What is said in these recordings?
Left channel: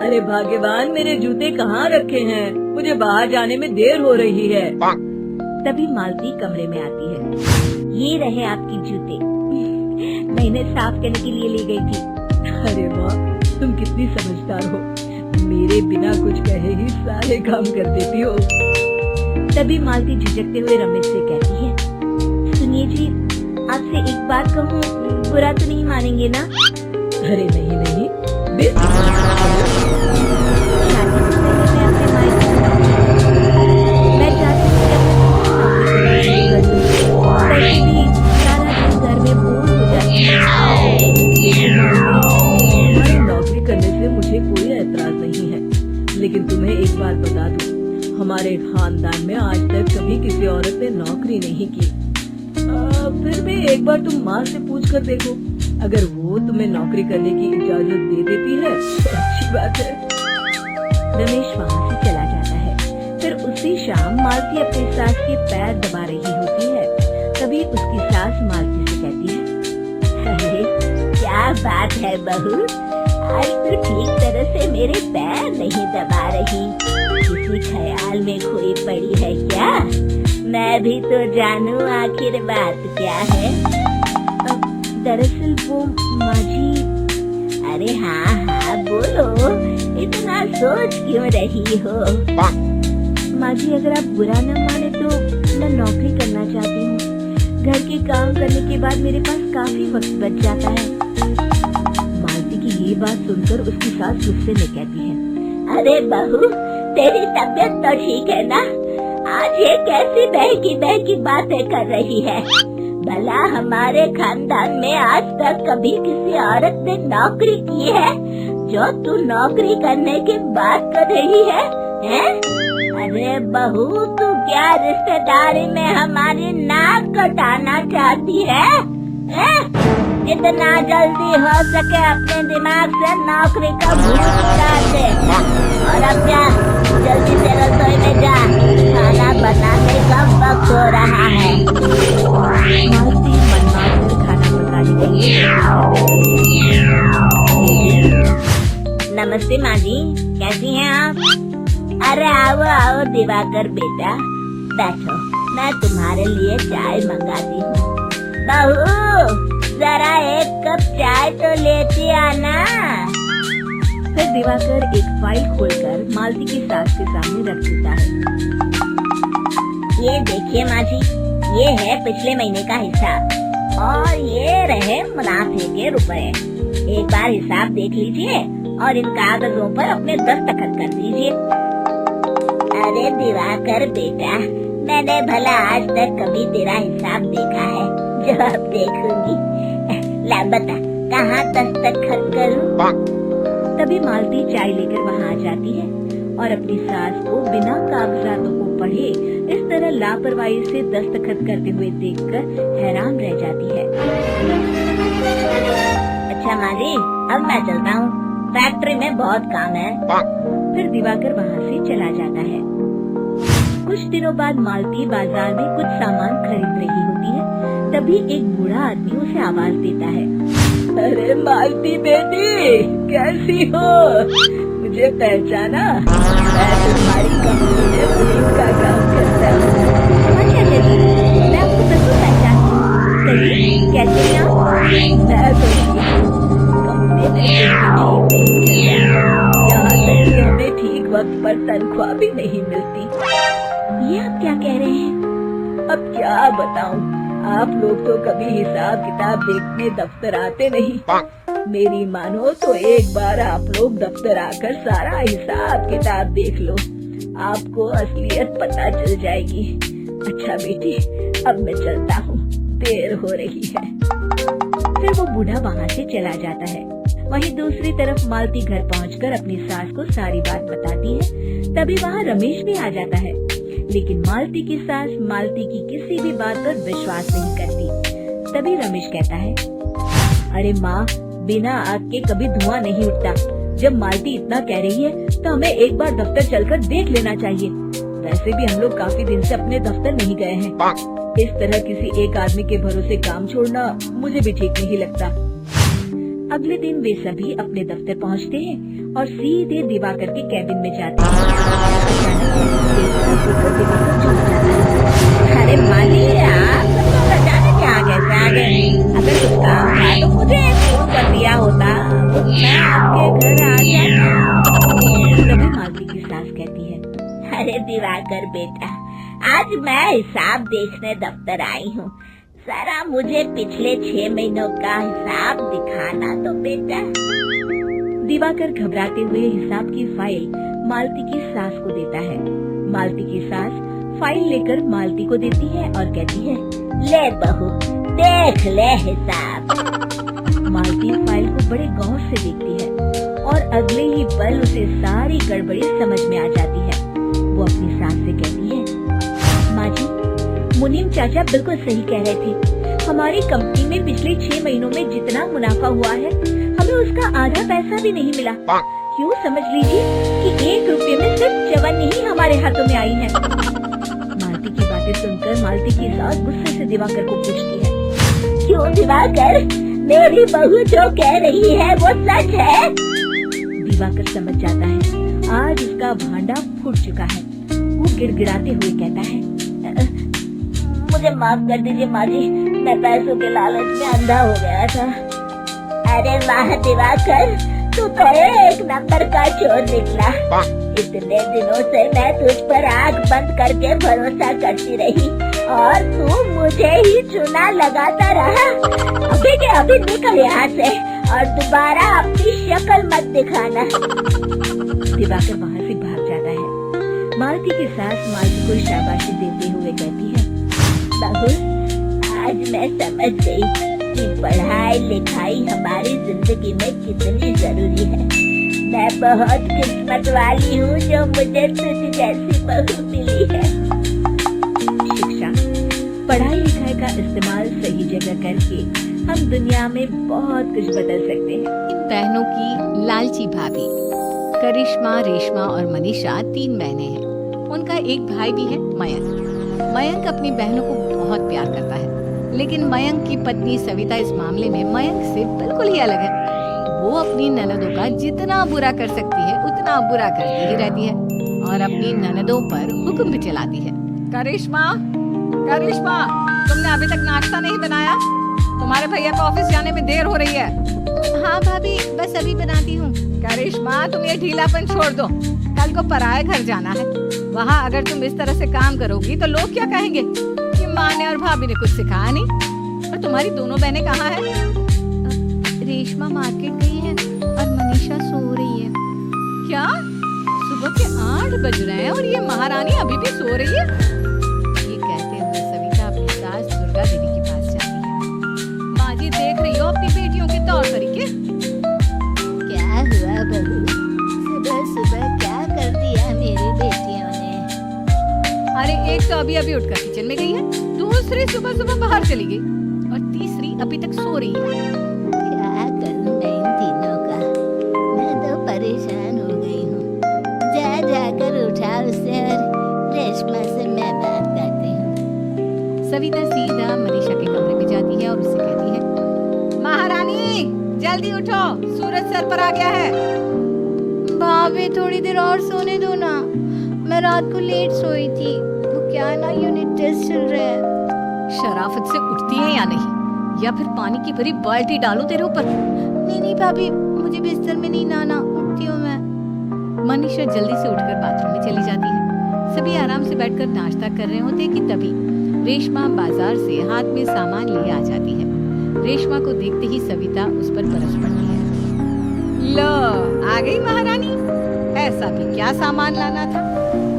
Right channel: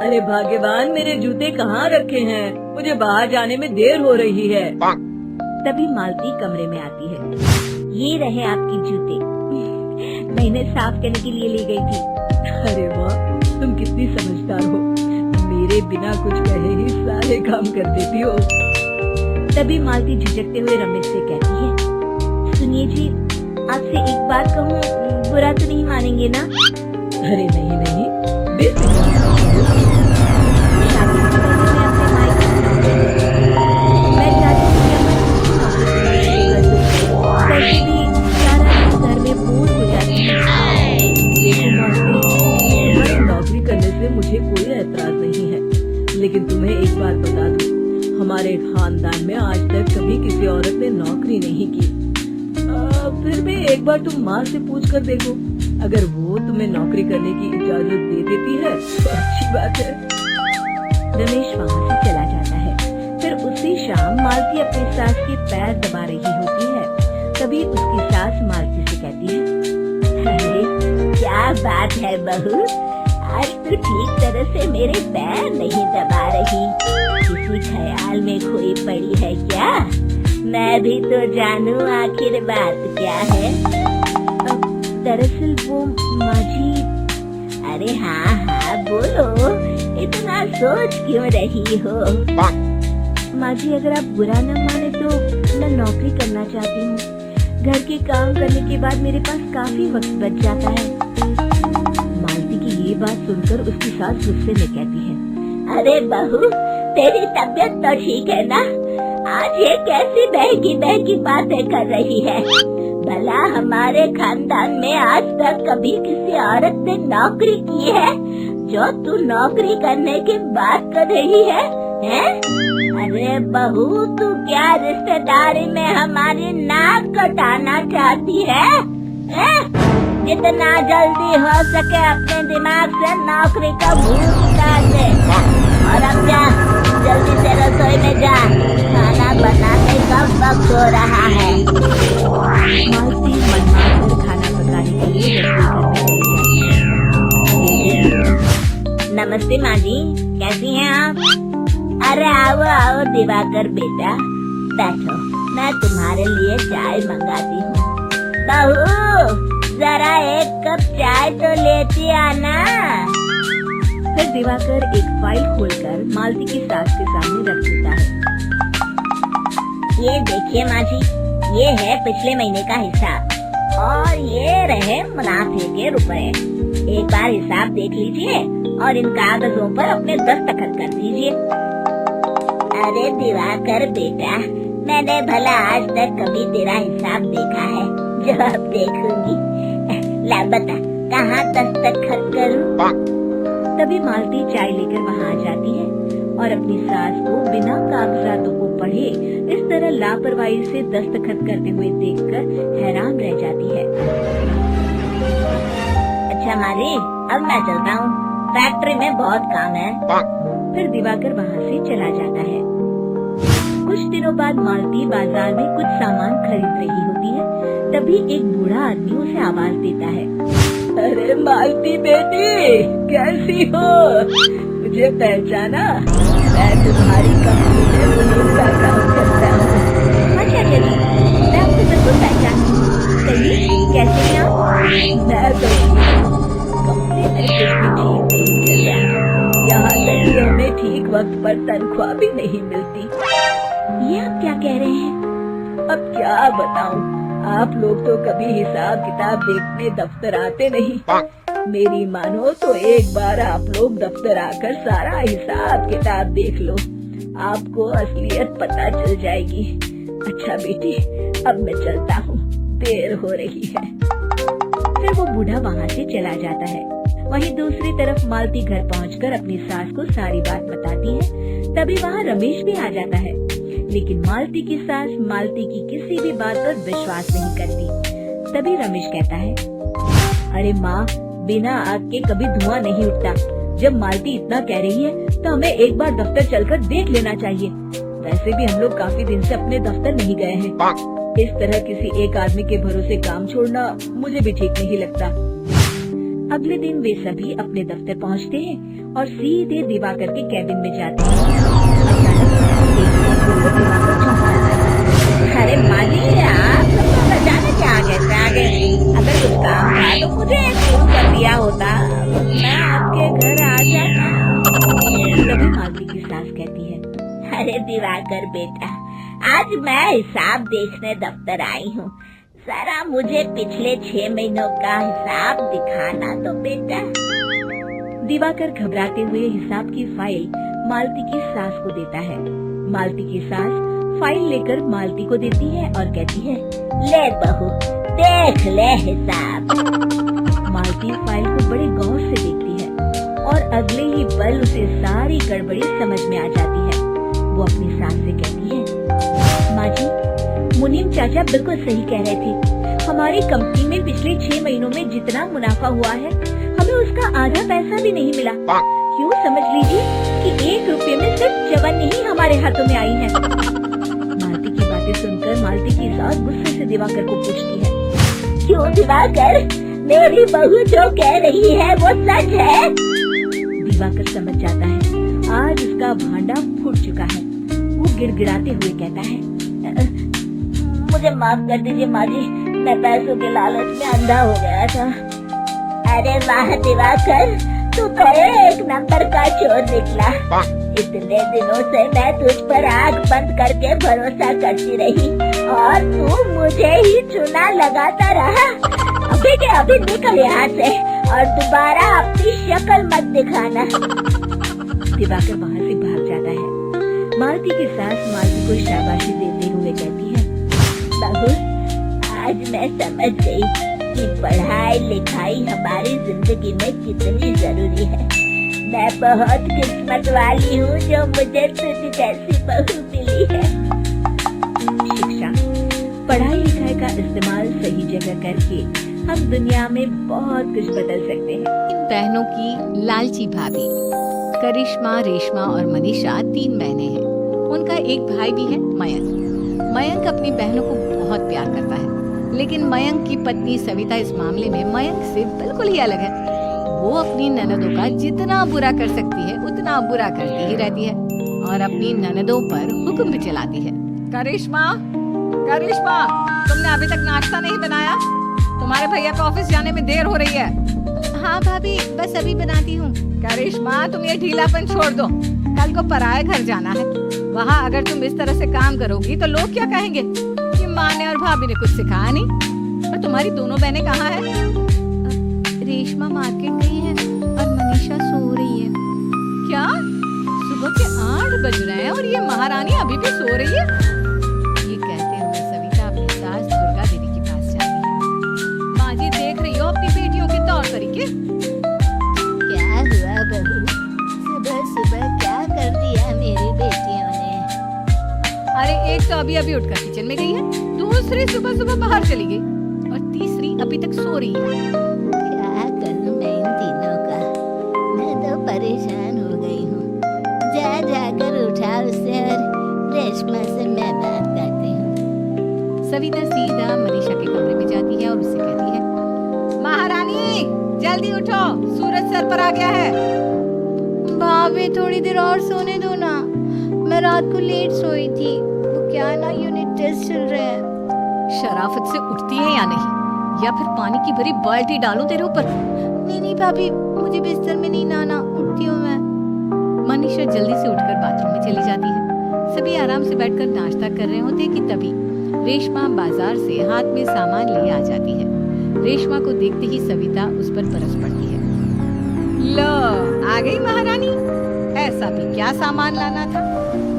अरे भाग्यवान, मेरे जूते कहाँ रखे हैं? मुझे बाहर जाने में देर हो रही है। तभी मालती कमरे में आती है। ये रहे आपकी जूते, मैं इन्हें साफ करने के लिए ले गई थी। अरे वाह, तुम कितनी समझदार हो। मेरे बिना कुछ कहे ही सारे काम कर देती हो। तभी मालती झिझकते हुए रमेश से कहती है, सुनिए जी, आपसे एक बात कहूँ, बुरा तो नहीं मानेंगे ना? अरे नहीं नहीं, शादी से पहले मैं अपने मायके में नौकरी करूँ। मैं चाहती हूँ कि अब मैं खुद की नौकरी करना शुरू कर दूँ। वैसे भी सारा दिन घर में बोर हो जाती हूँ। देखो मालती, तुम्हारी नौकरी करने से मुझे कोई ऐतराज नहीं है, लेकिन तुम्हें एक बात बता दूं, हमारे खानदान में आज तक कभी किसी औरत ने नौकरी नहीं की। फिर भी एक बार तुम माँ से पूछ कर देखो, अगर वो तुम्हें नौकरी करने की इजाजत दे देती है तो अच्छी बात है। रमेश वहाँ से चला जाता है। फिर उसी शाम मालती अपनी सास के पैर दबा रही होती है। तभी उसकी सास मालती से कहती है, अरे क्या बात है बहू, आज तो ठीक तरह से मेरे पैर नहीं दबा रही, किसी ख्याल में खोई पड़ी है क्या? मैं भी तो जानूं आखिर बात क्या है। दरअसल वो माँ जी। अरे हाँ हाँ बोलो, इतना सोच क्यों रही हो? माँ जी, अगर आप बुरा न माने तो मैं नौकरी करना चाहती हूँ। घर के काम करने के बाद मेरे पास काफी वक्त बच जाता है। मालती की ये बात सुनकर उसकी सास गुस्से में कहती है, अरे बहू, तेरी तबीयत तो ठीक है ना? आज ये कैसी बहकी बहकी बातें कर रही है? भला हमारे खानदान में आज तक कभी किसी औरत ने नौकरी की है जो तू नौकरी करने की बात कर रही है? हैं? अरे बहू, तू क्या रिश्तेदारी में हमारी नाक कटाना चाहती है? हैं? जितना जल्दी हो सके अपने दिमाग से नौकरी का भूत उतार दे और अब जा, जल्दी से रसोई में जा, खाना बनाने का वक्त हो रहा है। मालती मन मार कर खाना पकाने के लिए नमस्ते माँ जी, कैसी हैं आप? अरे आओ आओ दिवाकर बेटा, बैठो, मैं तुम्हारे लिए चाय मंगाती हूँ। बहू, जरा एक कप चाय तो लेती आना। फिर दिवाकर एक फाइल खोलकर मालती की सास के सामने रख देता है। ये देखिए माँ जी, ये है पिछले महीने का हिसाब और ये रहे मुनाफे के रुपए। एक बार हिसाब देख लीजिए और इन कागजों पर अपने दस्तखत कर दीजिए। अरे दिवाकर बेटा, मैंने भला आज तक कभी तेरा हिसाब देखा है जो अब देखूंगी? ला बता, कहाँ दस्तखत करूं? तभी मालती चाय लेकर वहाँ आ जाती है और अपनी सास को बिना कागजातों को पढ़े इस तरह लापरवाही से दस्तखत करते हुए देखकर हैरान रह जाती है। अच्छा माँ जी, अब मैं चलता हूँ, फैक्ट्री में बहुत काम है। फिर दिवाकर वहाँ से चला जाता है। कुछ दिनों बाद मालती बाजार में कुछ सामान खरीद रही होती है। तभी एक बूढ़ा आदमी उसे आवाज देता है, अरे मालती बेटी, कैसी हो? मुझे पहचाना? मैं तुम्हारी कंपनी में पुलिस का काम करता हूँ। हाँ चाचा जी, मैं आपको बिल्कुल पहचानती हूँ। कहिए, कैसे हैं आप? मैं तो कंपनी में कुछ भी ठीक नहीं चल रहा, यहाँ तक कि हमें ठीक वक्त पर तनख्वाह भी नहीं मिलती। ये आप क्या कह रहे हैं? अब क्या बताऊं, आप लोग तो कभी हिसाब किताब देखने दफ्तर आते नहीं। मेरी मानो तो एक बार आप लोग दफ्तर आकर सारा हिसाब किताब देख लो, आपको असलियत पता चल जाएगी। अच्छा बेटी, अब मैं चलता हूँ, देर हो रही है। फिर वो बूढ़ा वहाँ से चला जाता है। वहीं दूसरी तरफ मालती घर पहुँचकर अपनी सास को सारी बात बताती है। तभी वहाँ रमेश भी आ जाता है, लेकिन मालती की सास मालती की किसी भी बात पर विश्वास नहीं करती। तभी रमेश कहता है, अरे माँ, बिना आग के कभी धुआं नहीं उठता। जब मालती इतना कह रही है तो हमें एक बार दफ्तर चलकर देख लेना चाहिए। वैसे भी हम लोग काफी दिन से अपने दफ्तर नहीं गए हैं। इस तरह किसी एक आदमी के भरोसे काम छोड़ना मुझे भी ठीक नहीं लगता। अगले दिन वे सभी अपने दफ्तर पहुंचते हैं और सीधे दिवाकर के कैबिन में जाते हैं। अचानक देखकर दिवाकर चौंक जाता है। अरे माली, आप सब लोग अचानक आ गए। अगर कुछ काम था तो मुझे फोन कर दिया होता, मैं आपके घर आ जाता। तभी मालती की सास कहती है, अरे दिवाकर बेटा, आज मैं हिसाब देखने दफ्तर आई हूँ। जरा मुझे पिछले 6 महीनों का हिसाब दिखाना तो बेटा। दिवाकर घबराते हुए हिसाब की फाइल मालती की सास को देता है। मालती की सास फाइल लेकर मालती को देती है और कहती है, ले बहू, देख ले हिसाब। मालती फाइल को बड़े गौर से देखती है और अगले ही पल उसे सारी गड़बड़ी समझ में आ जाती है। वो अपनी सास से कहती है, माँ जी, मुनीम चाचा बिल्कुल सही कह रहे थे। हमारी कंपनी में पिछले 6 महीनों में जितना मुनाफा हुआ है, हमें उसका आधा पैसा भी नहीं मिला। यूँ समझ लीजिए कि 1 रुपये में सिर्फ चवन्नी ही हमारे हाथों में आई है। मालती की बातें सुनकर मालती की सास गुस्से से दिवाकर को पूछती है, क्यों दिवाकर, मेरी बहू जो कह रही है वो सच है? दिवाकर समझ जाता है आज उसका भांडा फूट चुका है। वो गिड़गिड़ाते हुए कहता है, मुझे माफ कर दीजिए माँ जी, मैं पैसों के लालच में अंधा हो गया था। अरे वाह दिवाकर, तू तो 1 नंबर का चोर निकला। इतने दिनों से मैं तुझ पर आंख बंद करके भरोसा करती रही और तू मुझे ही चुना लगाता रहा। अभी के अभी निकल यहाँ से और दोबारा अपनी शक्ल मत दिखाना। दिवाकर वहाँ से भाग जाता है। मालती की सास मालती को शाबाशी देते हुए कहती है, बहू, आज मैं समझ गई कि पढ़ाई लिखाई हमारी जिंदगी में कितनी जरूरी है। मैं बहुत किस्मत वाली हूँ जो मुझे तुझ जैसी बहू मिली है। शिक्षा, पढ़ाई लिखाई का इस्तेमाल सही जगह करके हम दुनिया में बहुत कुछ बदल सकते हैं। इन बहनों की लालची भाभी करिश्मा, रेशमा और मनीषा 3 बहनें हैं। उनका एक भाई भी है, मयंक। मयंक अपनी बहनों को बहुत प्यार करता है, लेकिन मयंक की पत्नी सविता इस मामले में मयंक से बिल्कुल ही अलग है। वो अपनी ननदों का जितना बुरा कर सकती है उतना बुरा करती ही रहती है और अपनी ननदों पर हुक्म भी चलाती है। करिश्मा, करिश्मा, तुमने अभी तक नाश्ता नहीं बनाया? तुम्हारे भैया को ऑफिस जाने में देर हो रही है। हाँ भाभी, बस अभी बनाती हूँ। करिश्मा, तुम ये ढीलापन छोड़ दो, कल को पराये घर जाना है। वहाँ अगर तुम इस तरह से काम करोगी तो लोग क्या कहेंगे कि माँ ने और भाभी ने कुछ सिखाया नहीं। और तुम्हारी दोनों बहनें कहाँ हैं? रेशमा मार्केट गई है और मनीषा सो रही है। क्या? सुबह के 8 बज रहे हैं और ये महारानी अभी भी सो रही है? ये कहते हुए सविता अपनी सास दुर्गा देवी के पास जाती है। माँ जी, देख रही हो अपनी बेटियों के तौर तरीके? क्या हुआ बहू, सुबह सुबह क्या कर दिया मेरी बेटियों ने? अरे एक तो अभी अभी उठकर किचन में गई है, दूसरी सुबह सुबह बाहर चली गई और तीसरी अभी तक सो रही है। क्या करूं मैं इन तीनों का, मैं तो परेशान हो गई हूँ। जा जाकर उठा उसे और रेशमा से मैं बात करती हूँ। सविता सीधा मनीषा के कमरे में जाती है और उससे कहती है, महारानी जल्दी उठो, सूरज सर पर आ गया है। भाभी, थोड़ी देर और सोने दो ना, मैं रात को लेट सोई थी। वो क्या है ना, यूनिट टेस्ट चल रहे हैं। शराफत से उठती है या नहीं, या फिर पानी की भरी बाल्टी डालूं तेरे ऊपर? नहीं भाभी, मुझे बिस्तर में नहीं नहाना, उठती हूँ मैं। मनीषा जल्दी से उठकर बाथरूम में चली जाती है। सभी आराम से बैठकर नाश्ता कर रहे होते कि तभी रेशमा बाजार से हाथ में सामान लिए आ जाती है। रेशमा को देखते ही सविता उस पर बरस पड़ती है। लो, आ गई महारानी। ऐसा भी क्या सामान लाना था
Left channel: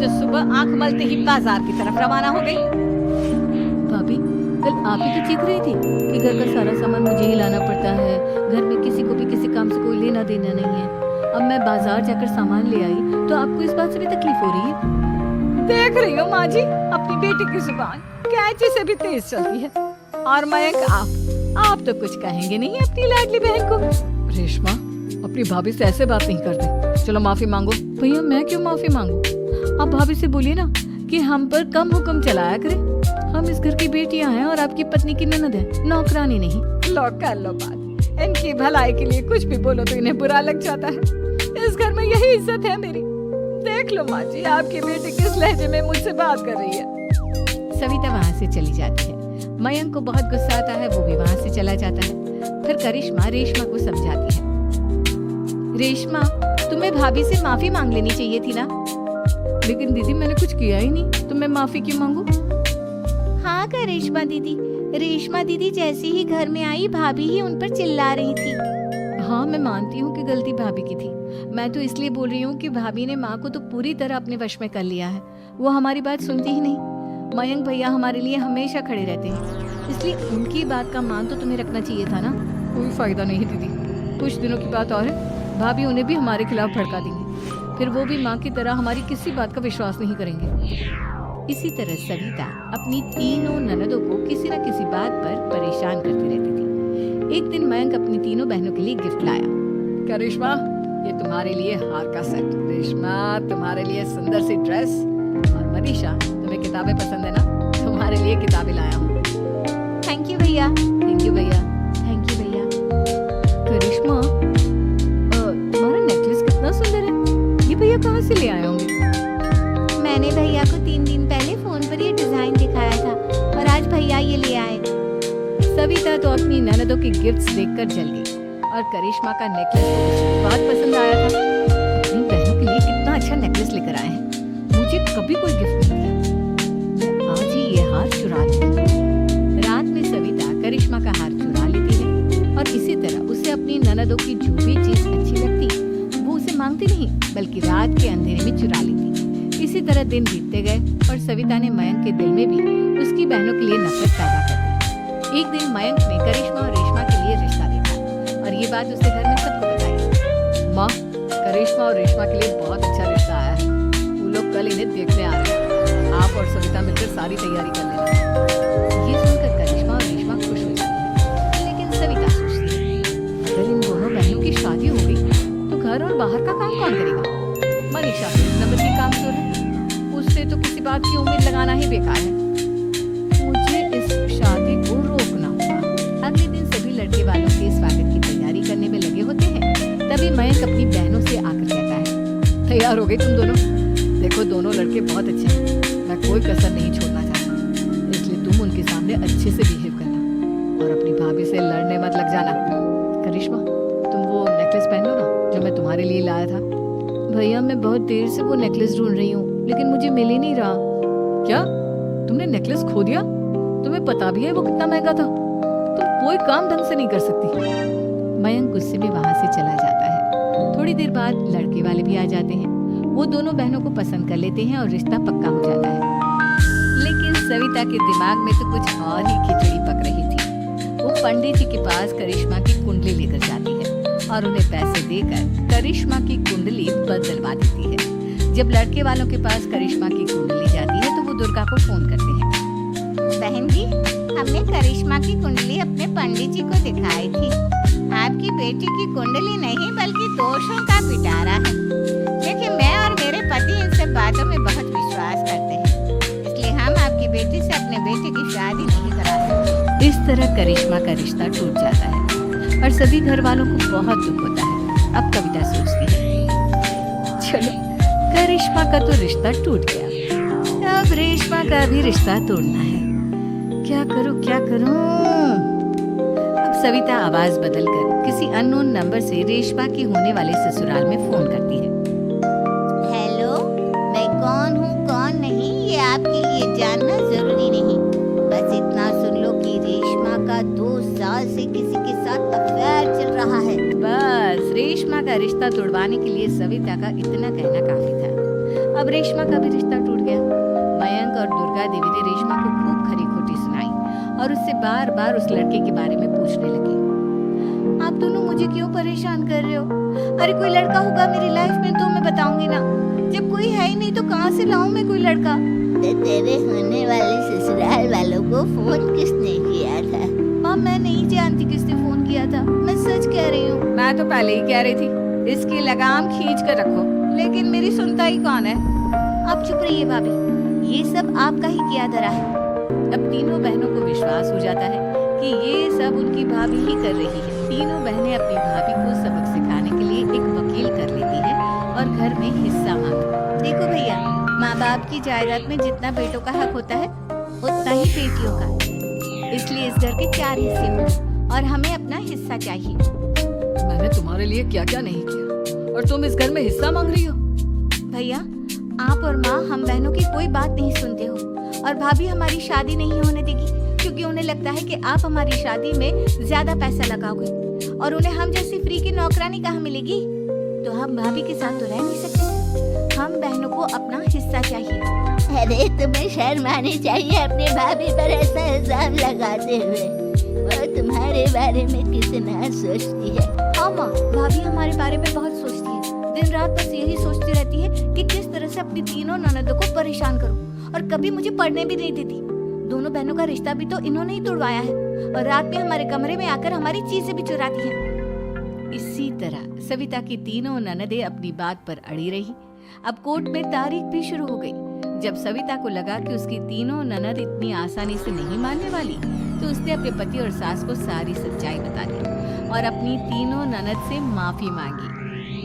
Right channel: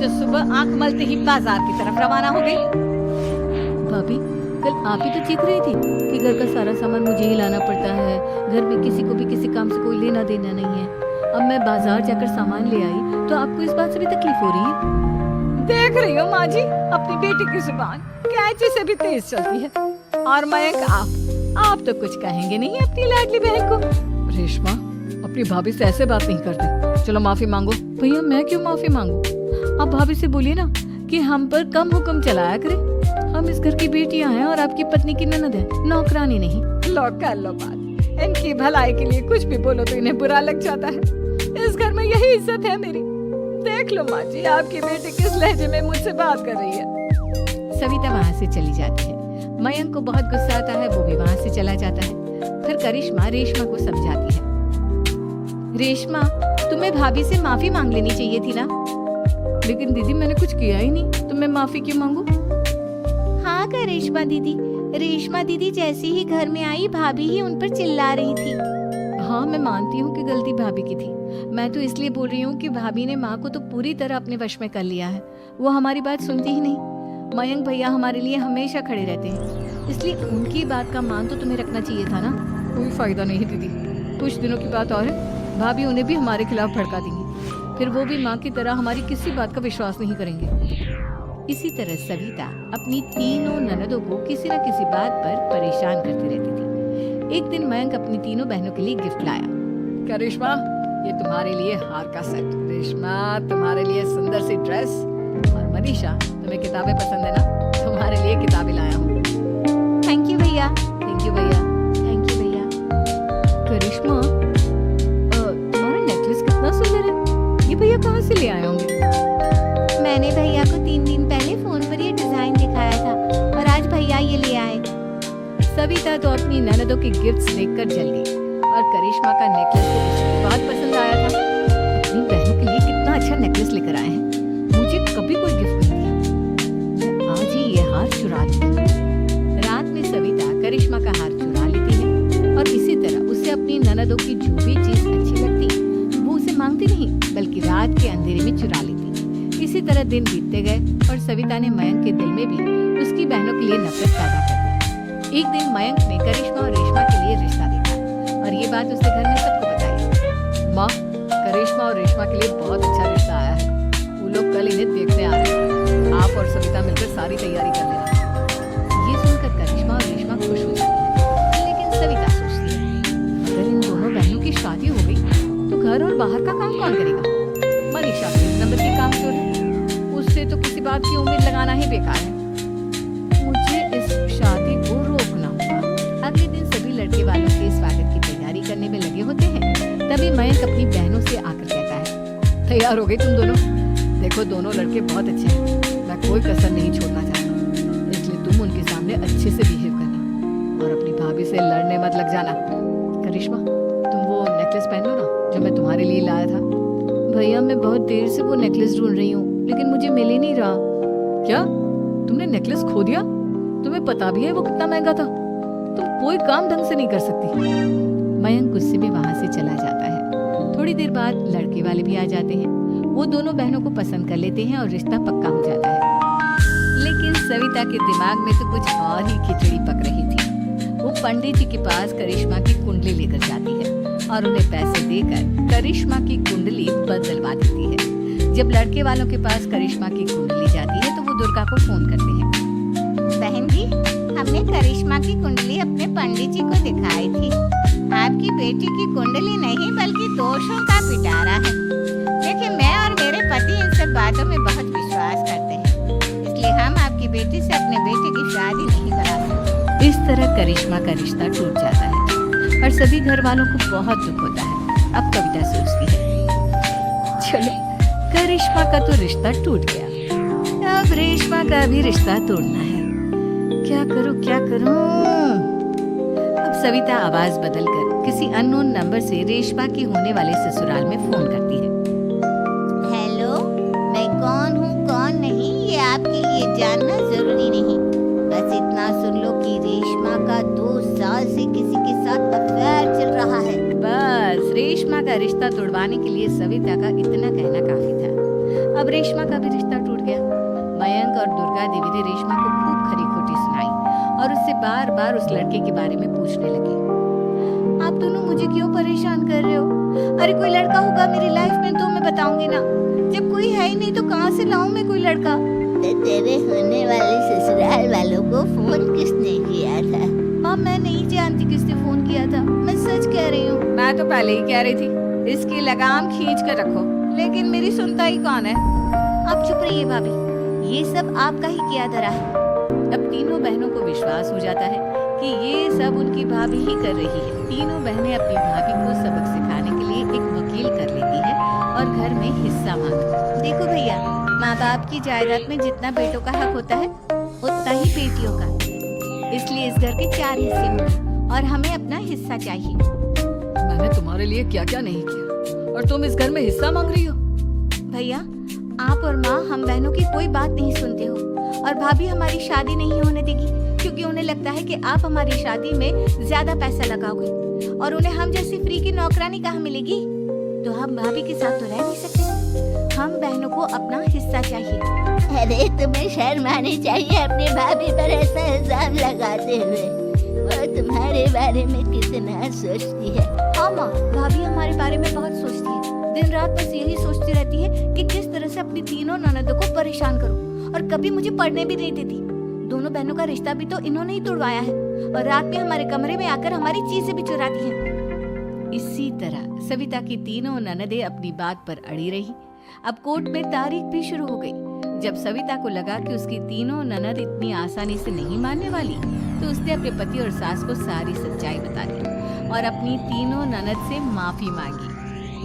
जो सुबह आंख मलते ही बाजार की तरफ रवाना हो गई? भाभी, कल आप ही तो चीख रही थी कि घर का सारा सामान मुझे ही लाना पड़ता है, घर में किसी को भी किसी काम से कोई लेना देना नहीं है। अब मैं बाजार जाकर सामान ले आई तो आपको इस बात से भी तकलीफ हो रही है? देख रही हो माँ जी, अपनी बेटी की जुबान कैंची से भी तेज चलती है। और मयंक, आप तो कुछ कहेंगे नहीं अपनी लाडली बहन को। रेशमा, अपनी भाभी से ऐसे बात नहीं करते। चलो माफी मांगो। भैया, मैं क्यों माफी मांगू? आप भाभी से बोलिए ना कि हम पर कम हुक्म चलाया करे। हम इस घर की बेटियां हैं और आपकी पत्नी की ननद है, नौकरानी नहीं। लो कर लो बात। इनकी भलाई के लिए कुछ भी बोलो तो इन्हें बुरा लग जाता है। इस घर में यही इज्जत है मेरी। देख लो माँ जी, आपकी बेटी किस लहजे में मुझसे बात कर रही है। सविता वहाँ से चली जाती है। मयंक को बहुत गुस्सा आता है, वो भी वहाँ से चला जाता है। फिर करिश्मा रेशमा को समझाती है, रेशमा तुम्हें भाभी से माफी मांग लेनी चाहिए थी ना। लेकिन दीदी मैंने कुछ किया ही नहीं, तो मैं माफी क्यों मांगू? हाँ करिश्मा दीदी, रेशमा दीदी जैसे ही घर में आई भाभी ही उन पर चिल्ला रही थी। हाँ मैं मानती हूँ कि गलती भाभी की थी। मैं तो इसलिए बोल रही हूँ कि भाभी ने माँ को तो पूरी तरह अपने वश में कर लिया है। वो हमारी बात सुनती ही नहीं। मयंक भैया हमारे लिए हमेशा खड़े रहते हैं, इसलिए उनकी बात का मान तो तुम्हें रखना चाहिए था ना। कोई फायदा नहीं दीदी, कुछ दिनों की बात और है, भाभी उन्हें भी हमारे खिलाफ भड़का देंगी। फिर वो भी माँ की तरह हमारी किसी बात का विश्वास नहीं करेंगे। इसी तरह सविता अपनी तीनों ननदों को किसी न किसी बात पर परेशान करती रहती थी। एक दिन मयंक अपनी तीनों बहनों के लिए गिफ्ट लाया। क्या रेशमा, ये तुम्हारे लिए हार का सेट, रेशमा तुम्हारे लिए सुंदर सी ड्रेस, और मनीषा तुम्हें किताबें पसंद है ना, तुम्हारे लिए किताबें लाया हूँ। थैंक यू भैया। थैंक यू भैया। थैंक यू भैया। करिश्मा, तुम्हारा नेकलेस कितना सुंदर है, ये भैया कहाँ से ले आए होंगे? मैंने भैया को 3 दिन पहले फोन पर ये डिजाइन दिखाया था और आज भैया ये ले आए। सविता तो अपनी ननदों के गिफ्ट्स देखकर जल गई, और करिश्मा का नेकलेस तो उसे भी बहुत पसंद आया था। अपनी बहनों के लिए कितना अच्छा नेकलेस लेकर आए हैं, मुझे कभी कोई गिफ्ट नहीं दिया। मैं आज ही ये हार चुरा लूंगी। रात में सविता करिश्मा का हार चुरा लेती है, और इसी तरह उसे अपनी ननदों की जो भी चीज अच्छी लगती वो उसे मांगती नहीं, बल्कि रात के अंधेरे में चुरा लेती। इसी तरह दिन बीतते गए, और सविता ने मयंक के दिल में भी उसकी बहनों के लिए नफरत पैदा कर दी। एक दिन मयंक ने करिश्मा और रेशमा के लिए रिश्ता देखा, और ये बात उसने घर में सबको बताई। माँ, करिश्मा और रेशमा के लिए बहुत अच्छा रिश्ता आया है, वो लोग कल इन्हें देखने आ रहे हैं। आप और सविता मिलकर सारी तैयारी कर लेना। ये सुनकर करिश्मा और रेशमा खुश हो जाती है, लेकिन सविता सोचती है, अगर इन दोनों बहनों की शादी हो गई तो घर और बाहर का काम कौन करेगा? मनीषा तो एक नंबर की कामचोर है, उससे तो किसी बात की उम्मीद लगाना ही बेकार है। मुझे इस शादी को रोकना होगा। अगले दिन सभी लड़के वालों के स्वागत की तैयारी करने में लगे होते हैं। तभी मयंक अपनी बहनों से आकर कहता है, तैयार हो गई तुम दोनों? देखो दोनों लड़के बहुत अच्छे हैं, मैं कोई कसर नहीं छोड़ना चाहता, इसलिए तुम उनके सामने अच्छे से बिहेव करना, और अपनी भाभी से लड़ने मत लग जाना। करिश्मा, तुम वो नेकलेस पहन लो ना जो मैं तुम्हारे लिए लाया था। भैया मैं बहुत देर से वो नेकलेस ढूंढ रही हूँ, लेकिन मुझे मिल ही नहीं रहा। क्या तुमने नेकलेस खो दिया? तुम्हें पता भी है वो कितना महंगा था, तुम कोई काम ढंग से नहीं कर सकती। मयंक गुस्से में वहाँ से चला जाता है। थोड़ी देर बाद लड़के वाले भी आ जाते हैं। वो दोनों बहनों को पसंद कर लेते हैं और रिश्ता पक्का हो जाता है। लेकिन सविता के दिमाग में तो कुछ और ही खिचड़ी पक रही थी। वो पंडित जी के पास करिश्मा की कुंडली लेकर जाती है और उन्हें पैसे देकर करिश्मा की कुंडली बदलवा देती है। जब लड़के वालों के पास करिश्मा की कुंडली जाती है तो वो दुर्गा को फोन करते हैं। बहन जी, हमने करिश्मा की कुंडली अपने पंडित जी को दिखाई थी। आपकी बेटी की कुंडली नहीं बल्कि दोषों का पिटारा है। देखिए, मैं और मेरे पति इन सब बातों में बहुत विश्वास करते हैं, इसलिए हम आपकी बेटी से अपने बेटे की शादी नहीं करा सकते। इस तरह करिश्मा का रिश्ता टूट जाता है और सभी घर वालों को बहुत दुख होता है। अब कविता सोचती है, चलो करिश्मा का तो रिश्ता टूट गया, अब रेशमा का भी रिश्ता तोड़ना है। क्या करूं? अब सविता आवाज बदलकर किसी अननोन नंबर से रेशमा की होने वाले ससुराल में फोन करती है। हेलो, मैं कौन हूँ कौन नहीं ये आपके लिए जानना जरूरी नहीं, बस इतना सुन लो कि रेशमा का 2 साल से किसी के साथ अफेयर चल रहा है। बस रेशमा का रिश्ता तोड़वाने के लिए सविता का इतना कहना काफी था। अब रेशमा का भी रिश्ता टूट गया। मयंक और दुर्गा देवी ने रेशमा को खूब खरी खोटी सुनाई और उससे बार बार उस लड़के के बारे में पूछने लगे। आप दोनों मुझे क्यों परेशान कर रहे हो? अरे कोई लड़का होगा मेरी लाइफ में तो मैं बताऊंगी ना, जब कोई है ही नहीं तो कहाँ से लाऊं मैं कोई लड़का? तो तेरे होने वाले ससुराल वालों को फोन किसने किया था? माँ, मैं नहीं जानती किसने फोन किया था, मैं सच कह रही हूँ। मैं तो पहले ही कह रही थी इसकी लगाम खींच कर रखो, लेकिन मेरी सुनता ही कौन है। आप चुप रहिए भाभी, ये सब आपका ही किया धरा है। अब तीनों बहनों को विश्वास हो जाता है कि ये सब उनकी भाभी ही कर रही है। तीनों बहनें अपनी भाभी को सबक सिखाने के लिए एक वकील कर लेती है और घर में हिस्सा मांगा। देखो भैया, माँ बाप की जायदाद में जितना बेटों का हक होता है उतना ही बेटियों का, इसलिए इस घर के 4 हिस्से होंगे और हमें अपना हिस्सा चाहिए। मैंने तुम्हारे लिए क्या क्या नहीं किया और तुम इस घर में हिस्सा मांग रही हो? भैया, आप और माँ हम बहनों की कोई बात नहीं सुनते हो और भाभी हमारी शादी नहीं होने देगी क्योंकि उन्हें लगता है कि आप हमारी शादी में ज्यादा पैसा लगाओगे और उन्हें हम जैसी फ्री की नौकरानी कहाँ मिलेगी। तो हम भाभी के साथ तो रह नहीं सकते। हम बहनों को अपना हिस्सा चाहिए। अरे तुम्हें शर्म आनी चाहिए अपनी भाभी पर ऐसा इल्जाम लगाते हुए। वो तुम्हारे बारे में कितना सोचती है। हाँ माँ, भाभी हमारे बारे में बहुत सोचती है। दिन रात बस यही सोचती रहती है कि किस तरह से अपनी तीनों ननदों को परेशान करूं और कभी मुझे पढ़ने भी नहीं देती। दोनों बहनों का रिश्ता भी तो इन्होंने ही तोड़वाया है और रात में हमारे कमरे में आकर हमारी चीजें भी चुराती हैं। इसी तरह सविता की तीनों ननदें अपनी बात पर अड़ी रही। अब कोर्ट में तारीख भी शुरू हो गई। जब सविता को लगा कि उसकी तीनों ननद इतनी आसानी से नहीं मानने वाली, तो उसने अपने पति और सास को सारी सच्चाई बता दी और अपनी तीनों ननद से माफी मांगी।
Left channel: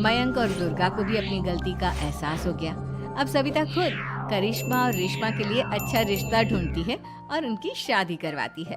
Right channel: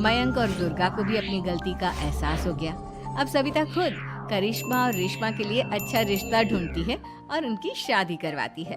मयंक और दुर्गा को भी अपनी गलती का एहसास हो गया। अब सविता खुद करिश्मा और रेशमा के लिए अच्छा रिश्ता ढूंढती है और उनकी शादी करवाती है।